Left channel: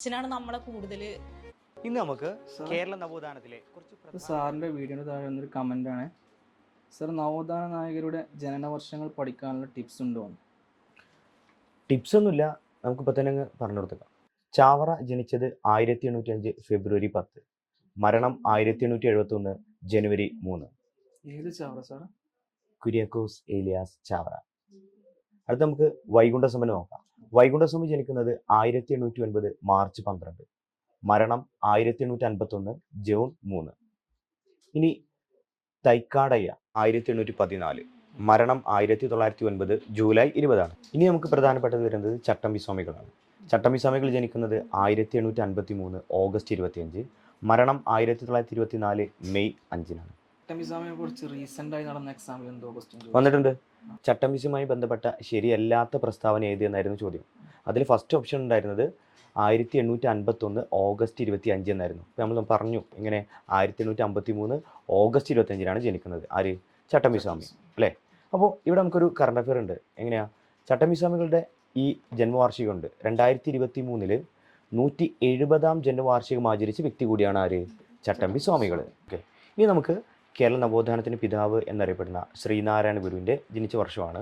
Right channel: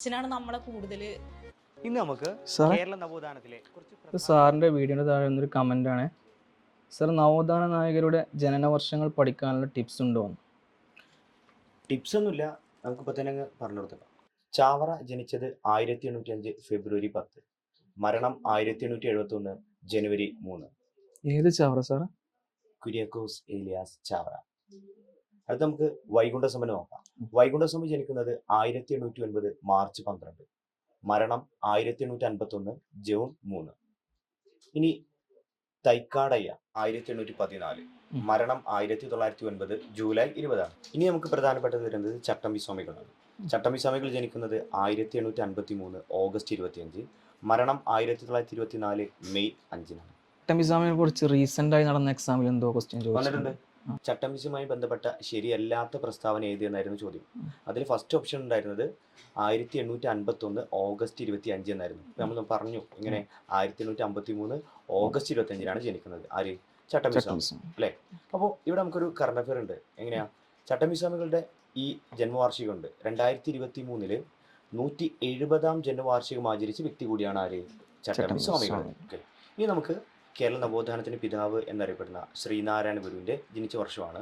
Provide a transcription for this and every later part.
അച്ഛനാണ് നമ്മളെ കൂടുതൽ. ഇന്ന് നമുക്ക് കേരള നവോത്ഥാനത്തിലെ കുറച്ച് സാറിൻ്റെ വീഡിയോയുടെ താഴെ ഒരു കമൻ്റാണ്. സാർ, നവോത്ഥാന നായകരുടെ ജനന വർഷങ്ങൾ പഠിക്കാനുള്ള ടിപ്സ് ഉണ്ടോ? ടിപ്സ് ഒന്നുമില്ല, നമുക്കിപ്പോൾ തന്നെ അങ്ങ് പറഞ്ഞു കൊടുത്തേക്കാം. ചാവറ ജനിച്ചത് 1805 ഫെബ്രുവരി 10, മരണം 1871 ജനുവരി 3. ഏത് ചാവറ സാർ? കുര്യാക്കോസ് ഏലിയാസ് ചാവറ. അടുത്ത് നമുക്ക് വൈകുണ്ഠസ്വാമി നോക്കാം. വൈകുണ്ഠസ്വാമി ജനിക്കുന്നത് 1809 മാർച്ച് 12, മരണം 1851 ജൂൺ 3. ഇനി തൈക്കാടയ്യ 1814, മരണം 1909 ജൂലൈ 20. ഇനി നമുക്ക് പ്രധാനപ്പെട്ടത് വരുന്നത് ചട്ടമ്പി സ്വാമികളാണ്. ചട്ടമ്പി സ്വാമികൾ ജനിക്കുന്നത് 1853 ഓഗസ്റ്റ് 25, മരണം 1924 മെയ് 5. ചട്ടമ്പി സ്വാമിയെ കുറിച്ച് റീസെന്റ് ആയി നടന്ന എക്സാമിൽ എന്തോ ക്വസ്റ്റ്യൻ വന്നിട്ടുണ്ട്. ചട്ടമ്പിസുമായി ബന്ധപ്പെട്ട ശരിയല്ലാത്ത പ്രസ്താവന ഏതെന്നായിരുന്നു ചോദ്യം. അതിൽ ഫസ്റ്റ് ഓപ്ഷൻ ഉണ്ടായിരുന്നത് 1851 ഓഗസ്റ്റ് 25 എന്നായിരുന്നു. നമ്മൾ പറഞ്ഞു ഇങ്ങനെ 1853 ഓഗസ്റ്റ് 25 ജനിക്കുന്നത് ആര്? ചട്ടമ്പി സ്വാമി അല്ലേ. അപ്പോൾ ഇവിടെ നമുക്കൊരു കറണ്ട് അഫെയർ ഉണ്ട്. എങ്ങനെയാ? ചട്ടമ്പി സ്വാമികളുടെ ഈ ജന്മവാർഷികം ഉണ്ട്. 2023 170ാം ജന്മവാർഷികം ആചരിച്ച വ്യക്തി കൂടിയാണ് ആര്? ചട്ടമ്പി സ്വാമികൾ. ഓക്കെ, ഇനി നമുക്ക് കേരള നവോത്ഥാനത്തിന് പിതാവ് എന്നറിയപ്പെടുന്ന ശ്രീനാരായണ ഗുരുവിൻ്റെ ജനിച്ച വർഷമാണ്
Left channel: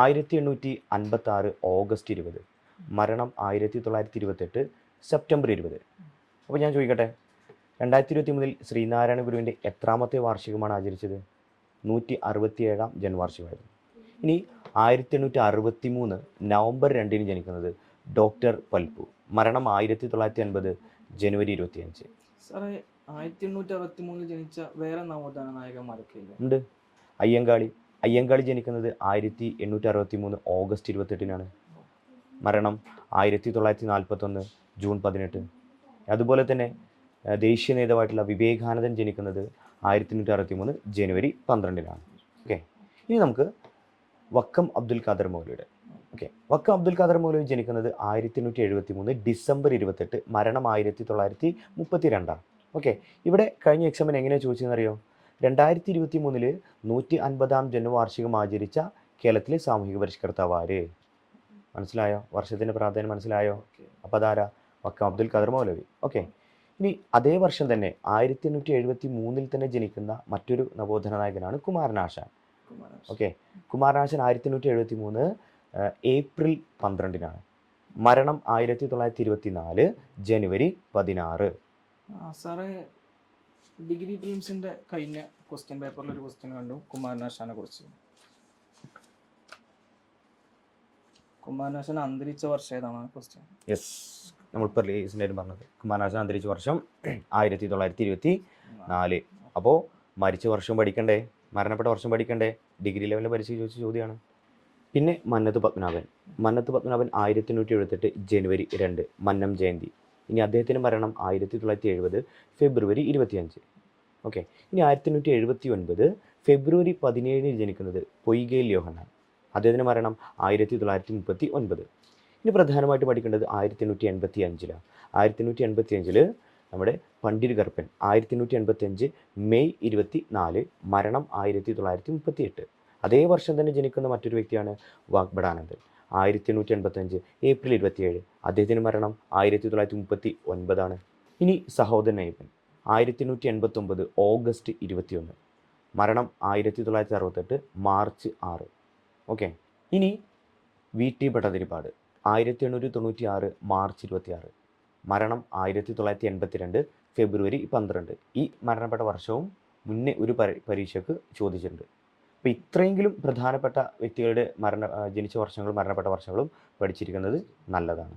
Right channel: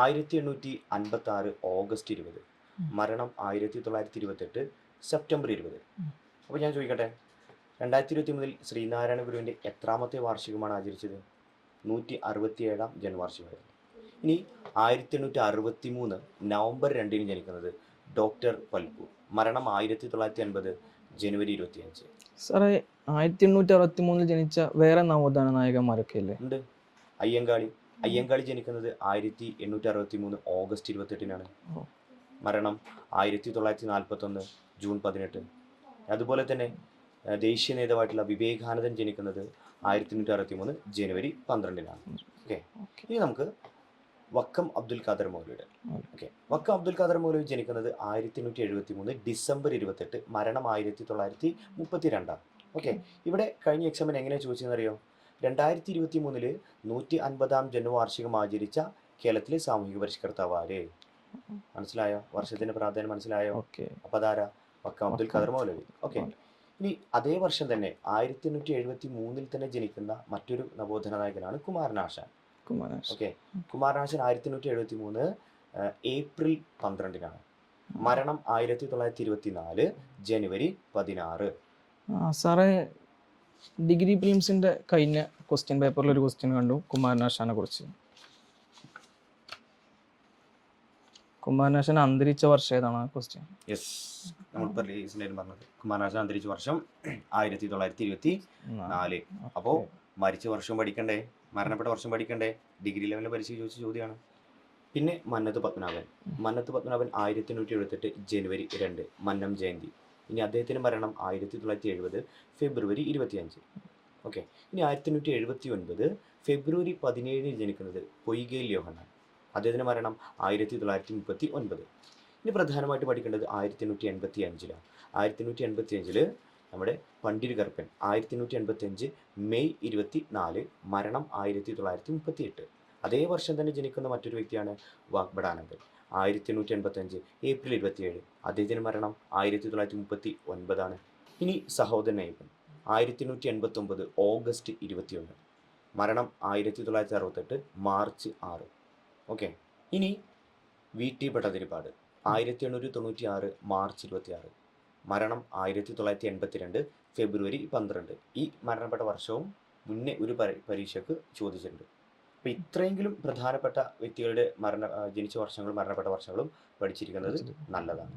1856 ഓഗസ്റ്റ് 20, മരണം 1928 സെപ്റ്റംബർ 20. അപ്പോൾ ഞാൻ ചോദിക്കട്ടെ, 2023 ശ്രീനാരായണ ഗുരുവിൻ്റെ എത്രാമത്തെ വാർഷികമാണ് ആചരിച്ചത്? 167ാം ജന്മവാർഷികമായിരുന്നു. ഇനി 1863 നവംബർ 2 ജനിക്കുന്നത് ഡോക്ടർ പൽപ്പു, മരണം 1950 ജനുവരി 25. സാറേ, 1863 ജനിച്ച വേറെ നവോത്ഥാന നായകന്മാരൊക്കെ അല്ലേ ഉണ്ട്? അയ്യങ്കാളി ജനിക്കുന്നത് 1863 ഓഗസ്റ്റ് 28, മരണം 1941 ജൂൺ 18. അതുപോലെ തന്നെ ദേശീയ നേതാവായിട്ടുള്ള വിവേകാനന്ദൻ ജനിക്കുന്നത് 1863 ജനുവരി 12. ഓക്കെ, ഇനി നമുക്ക് വക്കം അബ്ദുൽ ഖാദർ മൗലവിയുടെ. ഓക്കെ, വക്കം അബ്ദുൽ ഖാദർ മൗലവി ജനിക്കുന്നത് 1873 ഡിസംബർ 28, മരണം 1932. ഓക്കെ, ഇവിടെ കഴിഞ്ഞ എക്സാമിന് എങ്ങനെയാണ് ചോദിച്ചതെന്നറിയോ? 2023 150ാം ജന്മവാർഷികം ആചരിച്ച കേരളത്തിലെ സാമൂഹിക പരിഷ്കർത്താവ് ആര്? മനസ്സിലായോ? വർഷത്തിന്റെ പ്രാധാന്യം മനസ്സിലായോ? അപ്പോൾ അതാരാ? വക്കം അബ്ദുൽ ഖാദർ മൗലവി. ഓക്കെ, ഇനി അതേ വർഷം തന്നെ 1873 തന്നെ ജനിക്കുന്ന മറ്റൊരു നവോത്ഥാന നായകനാണ് കുമാരനാശാൻ. ഓക്കെ, കുമാരനാശാൻ 1873 ഏപ്രിൽ 12, മരണം 1924 ജനുവരി 16. സാറേ, ഡിഗ്രി പ്രിലിംസിന്റെ കഴിഞ്ഞ ക്വസ്റ്റ്യൻ പേപ്പറിൽ ഒരു ക്വസ്റ്റ്യൻ കണ്ടു കുമാരനാശാനെ കുറിച്ച്. കുമാരനാശാൻ അന്തരിച്ച വർഷം ഏതാണ് ക്വസ്റ്റ്യൻ? യെസ്, നമ്മളിപ്പോൾ പറഞ്ഞത് കുമാരനാശാൻ അന്തരിച്ച വർഷം 1924. അപ്പോൾ മരിച്ച വർഷം പഠിക്കണ്ടേ, മരണപ്പെട്ട വർഷം പഠിക്കണ്ടേ? ഡിഗ്രി ലെവലിൽ പരീക്ഷ ചോദിച്ച ചോദ്യമാണ്. പിന്നെ മന്നത്ത് പത്മനാഭൻ 1878 ജനുവരി 2 മന്നം ജയന്തി. ഇനി അദ്ദേഹത്തിൻ്റെ മരണം 1970 ഫെബ്രുവരി 25. ഓക്കെ, ഇനി 1879 ഫെബ്രുവരി 17 ജനിക്കുന്നത് പൊയ്കയിൽ യോഹന്നാൻ. അദ്ദേഹത്തിൻ്റെ മരണം 1939. ഇനി പ്രധാനമായിട്ട് പഠിക്കേണ്ടത് 1885. 1885 നമ്മുടെ പണ്ഡിറ്റ് കറുപ്പൻ 1885 മെയ് 24, മരണം 1938. അതേ വർഷം തന്നെ ജനിക്കുന്ന മറ്റൊരു വ്യക്തിയാണ് വാഗ്ബടാനന്ദൻ. 1885 ഏപ്രിൽ 27, അദ്ദേഹത്തിൻ്റെ മരണം 1939. ഇനി സഹോദരൻ അയ്യപ്പൻ 1889 ഓഗസ്റ്റ് 21, മരണം 1968 മാർച്ച് 6. ഓക്കെ, ഇനി വി ടി ഭട്ടതിരിപ്പാട് 1896 മാർച്ച് 26, മരണം 1982 ഫെബ്രുവരി 12. ഈ മരണപ്പെട്ട വർഷവും മുന്നേ ഒരു പരീക്ഷയ്ക്ക് ചോദിച്ചിട്ടുണ്ട്. അപ്പോൾ ഇത്രയെങ്കിലും പ്രധാനപ്പെട്ട വ്യക്തികളുടെ ജനിച്ച വർഷങ്ങളും മരണപ്പെട്ട വർഷങ്ങളും പഠിച്ചിരിക്കുന്നത് നല്ലതാണ്.